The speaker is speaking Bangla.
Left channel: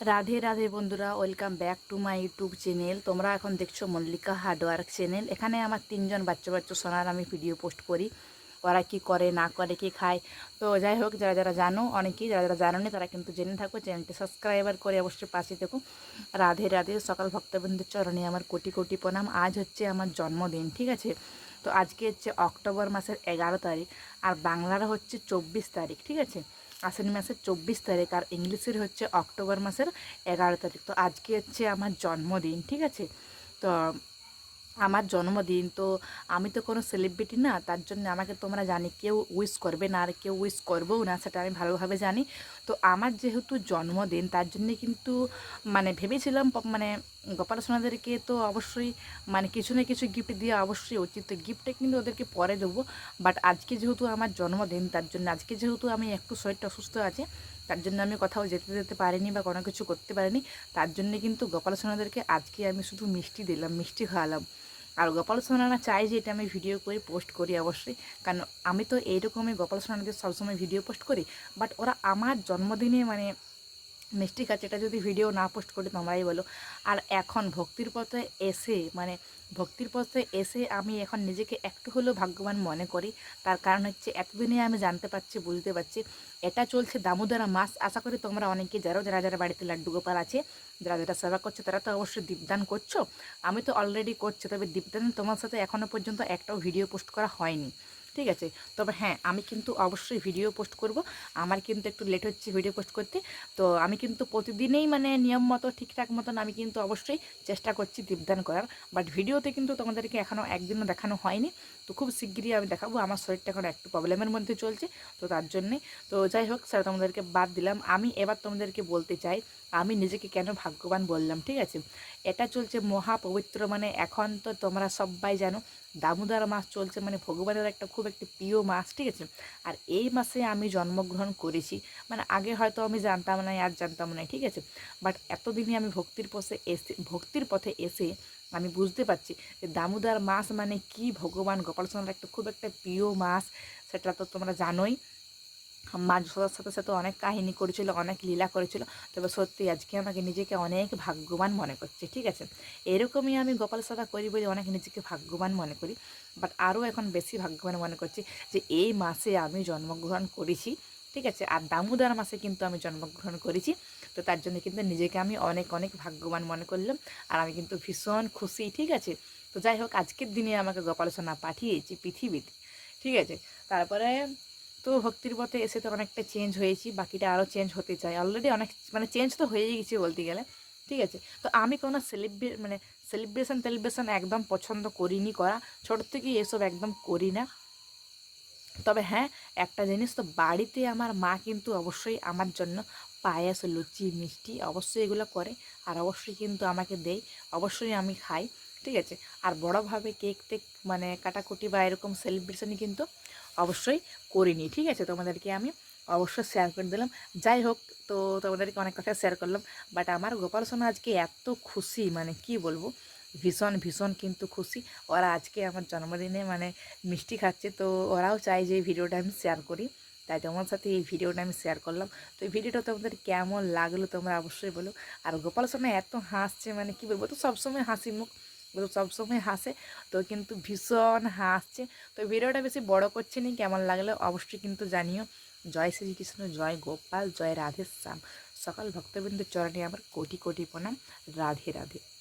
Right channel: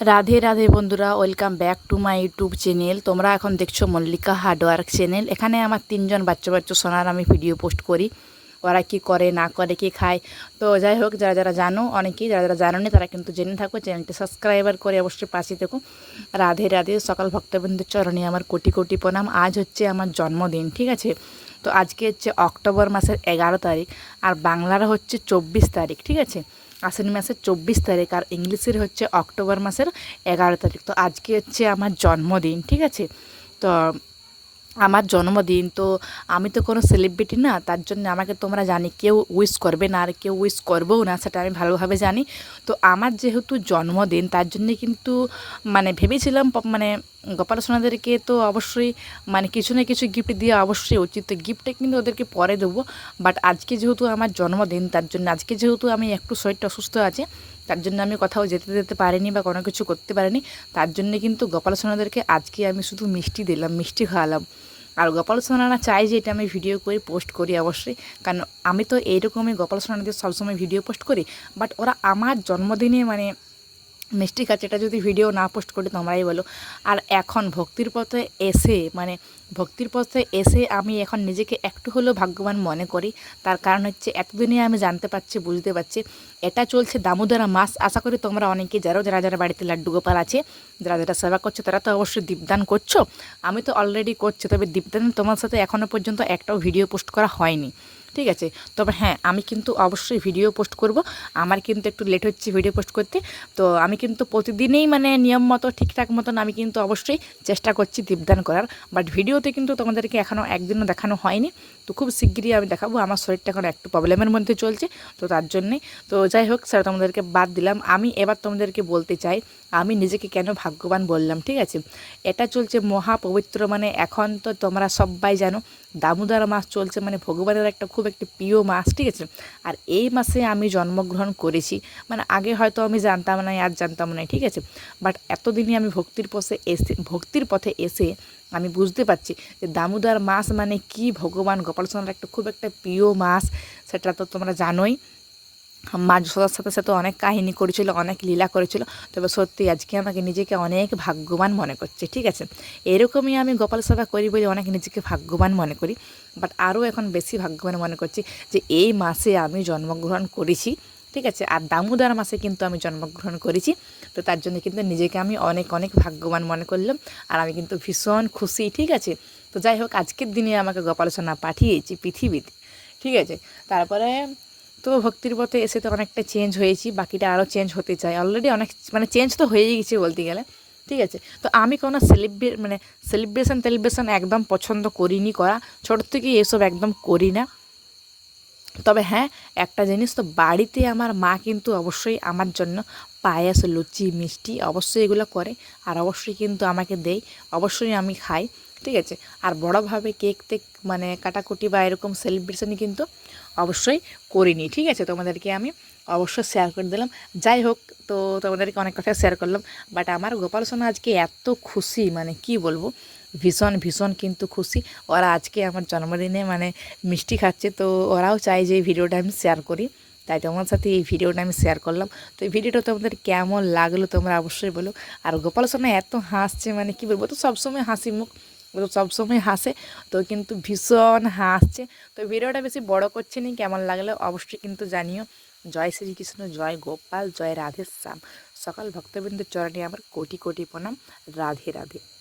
রাধে রাধে বন্ধুরা, welcome back to my YouTube channel. তোমরা এখন দেখছ মল্লিকা হার্ডওয়ার্ক চ্যানেল। এখানে আমার তিনজন বাচ্চা বাচ্চা সোনার আমি ভিডিও পোস্ট করি। ওরা কি করে, না করে, কি খায়। তো যাই হোক, যারা যারা জানো, অনেকেই যারা যারা জানো তারা কিন্তু জেনে থাকো, চ্যানেলটি সাবস্ক্রাইবার করে অবশ্যই পাশে দেখো রাধে রাধে, সকাল ভক্তবৃন্দের চরণে আমার কোটি কোটি প্রণাম। আজ হচ্ছে আমার জন্মদিন, ঠিক আছে? তো আজকে হচ্ছে অক্টোবর মাসের এগারো তারিখ, আর বাংলার হচ্ছে চব্বিশ তারিখ, ঠিক আছে? আশ্বিন মাসের চব্বিশ তারিখ আর ইংলিশের হচ্ছে অক্টোবর মাসের এগারো তারিখ। তো আজকে হচ্ছে আমার জন্মদিন, ঠিক আছে? তো আমার জন্মদিন, তো আমি তো কোনো সেলিব্রিটি না, তার জন্য আমাকে তোমরা জানি কেউ উইশ করবে না আর কেউ উইশ করবেও না, সেটা আমি ভালোভাবে জানি। তো আমার যেহেতু জন্মদিন, তার জন্যে কিন্তু মানে ভেবেছিলাম মানে গোপাল সোনাদেরকে তো অবশ্যই মানে কিছু না কিছু গিফট দেওয়া অবশ্যই উচিত। তো গিফটটা কিন্তু ওদেরকে পরে দেবো বাট আজকে যেহেতু আমার জন্মদিন, তার জন্য আজকে যেহেতু আমি একটু শরীরটা অসুস্থ আছে, তার জন্য আমি কোথাও যেতে যেতে পারিনি বা কোনো কিছু করতে পারিনি, তার জন্য কিন্তু গোপাল সোনাদেরকে আজকে আমি শুধু মিষ্টি দিলাম, মিষ্টি খাওয়ালাম। আর গোপাল সোনারা চাই যে এটা আমি ভিডিও করে পোস্ট করি অবশ্যই। কারণ আমি তো এইরকমই গোপাল সোনাদের সবসময় ভিডিও পোস্ট করি বাট ওরা আমার জন্মদিনে মানে মিষ্টি খাচ্ছে এটা যদি ভিডিও না পোস্ট করি, তোমরাই বলো। আর এখন ভক্তির পথে এসে মানে ভক্তির পথে এসে আমি এখন নিজেকে একটু হলেও ভাগ্যবান মনে করি। তার কারণ হচ্ছে এতদিনে আমি জানতে পারছি, বুঝতে পারছি। এটা চলছে দামোদরা মাস। আশা করি তোমরা অনেকে যারো যারা যারা বাড়িতে লাড্ডু গোপাল আছে, যারা যারা সেবা করছ, তারা তো অবশ্যই দীপদান করছ। আমি তো অলরেডি করছি, তবে দীপদান তোমার সাথে এখনও পর্যন্ত একটাও ভিডিও পোস্ট করা হয়নি। ঠিক আছে? তবে হ্যাঁ আমি কিন্তু অবশ্যই ভিডিও পোস্ট করব। আমার কিন্তু একটু লেট হচ্ছে ভিডিও পোস্ট করতে। তো আমি কিন্তু প্রতিদিনই মানে নিয়ম মতো, ঠিকঠাক মতন আমি কিন্তু অবশ্যই চেষ্টা করছি দীপদান করার। বাট ভিডিওতে কিন্তু তোমাদেরকে এখনও একদিনও দেখানো হয়নি। তো খুব শিগগিরই আমি দেখাবো। আমার শরীরটা এখন একটু প্রবলেমের মধ্যে চলছে। তো তার জন্যে, তো যাই হোক স্যার তোমাদেরকে বাদ দিলাম। আমি এবার তোমাদেরকে বলতে চাই আমি নিজেকে কেন ভাগ্যবান বললাম, ঠিক আছে? এটা চলছে মহা পবিত্র মানে এখন তো তোমরা সবাই জানো, দামোদর মাস চলছে মানে ভগবানের একটা খুব একটি প্রিয় মাস, ঠিক আছে? আর এই মাসে আমি জন্মগ্রহণ করেছি মানে আগে হয়তো আমি জানতাম না আর জানতাম না ঠিক আছে? বাট এতদিনই আমি ভক্তির পথে এসে, ভক্তির পথে এসে আমি বুঝতে পারছি যে দামোদর মাস মানে কি ভগবান, গোপাল একটা খুব একটা প্রিয় মাস, সেটা তো তোমরা জানোই। মা যশোদার সাথে সাথে অনেক কাহিনী করেছিল, অনেক লীলা করেছিল। তবে সত্যি আজকে আমাকে নিজেকে অনেক ভাগ্যবান মনে করছে, ঠিক আছে? এরকমই আমি গোপাল সেবা করি বলে অনেক নিজেকে ভাগ্যবান মনে করি। বাট আরও এখন বেশি ভাগ্যবান মনে করছি যে এই মাসে আমি জন্মগ্রহণ করেছি, ঠিক আছে? আর দামোদর মাসে কিন্তু আমি জন্মগ্রহণ করেছি। তো তার জন্য কিন্তু নিজেকে আমি অনেক অনেক ভাগ্যবান মনে করলাম। আর আমি কিন্তু ভীষণ খুশি, ঠিক আছে? তো যাই হোক, আজকের দিনে আমাকে গোপাল পাঠিয়েছি পৃথিবীতে, ঠিক আছে? তারপরে তো ভক্তির পথে এসে তো অনেকটা চেঞ্জ হয়েছি, বাকিটা আরও চেঞ্জ হতে চাই। অলরেডি অনেক মানে চেঞ্জ তো হয়েই গেছে বলতে গেলে। ঠিক আছে? তো আমি কোনো সেলিব্রে মানে সেলিব্রেশন টেলিব্রেশন একদম পছন্দ করিনি করা। ছোটোর থেকেই এসব একদম করি না। তবে হ্যাঁ একটা জিনিস তো বাড়িতে আমার মা কিন্তু অবশ্যই আমার জন্য পায়েস, লুচি, মিষ্টি অবশ্যই এগুলো করে। আর অবশ্যই কিন্তু আমাকে দেয়। অবশ্যই আমি খাই। ঠিক আছে। আর বড়োভাবে কেক টেক মানে কাটাকুটি বা এরকম সেলিব্রেশন কিন্তু অবশ্যই করিনি। ঠিক আছে, তোমাদেরকে আমি অবশ্যই শেয়ার করে দিলাম। যাই হোক, তো তোমাদেরকে অনেক কথা শেয়ার করলাম। বাট আমার গোপাল সোনা আজকে এত খুশি মানে কি বলব? ভীষণ ভীষণ কিন্তু খুশি। ওরা আজকে আমার জন্মদিনে মানে মিষ্টি খাচ্ছে, তো ওরাও চায় যে এই ভিডিওটা আমি শেয়ার করি। তাই তোমার সাথে এই ভিডিওটা আমি শেয়ার করলাম। তো এই ভিডিওটা তোমাদের কেমন লাগল তোমরা অবশ্যই বলো। আর গোপাল সোনা এত হাসছে মানে কি বলব? তো সবসময় হাসি মুখ সবসময় হাসে। তো কিন্তু ভীষণ হাসছে। তো ভিডিওটা বেশি বড় করছে নি, কেমন লাগলে অবশ্যই কিন্তু জানিও। জয় শ্রীকৃষ্ণ, জয় গোপাল, জয় রাধেশ্যাম। সকাল ভক্তবৃন্দ চরণে আমার কোটি কোটি প্রণাম। রাধে রাধে।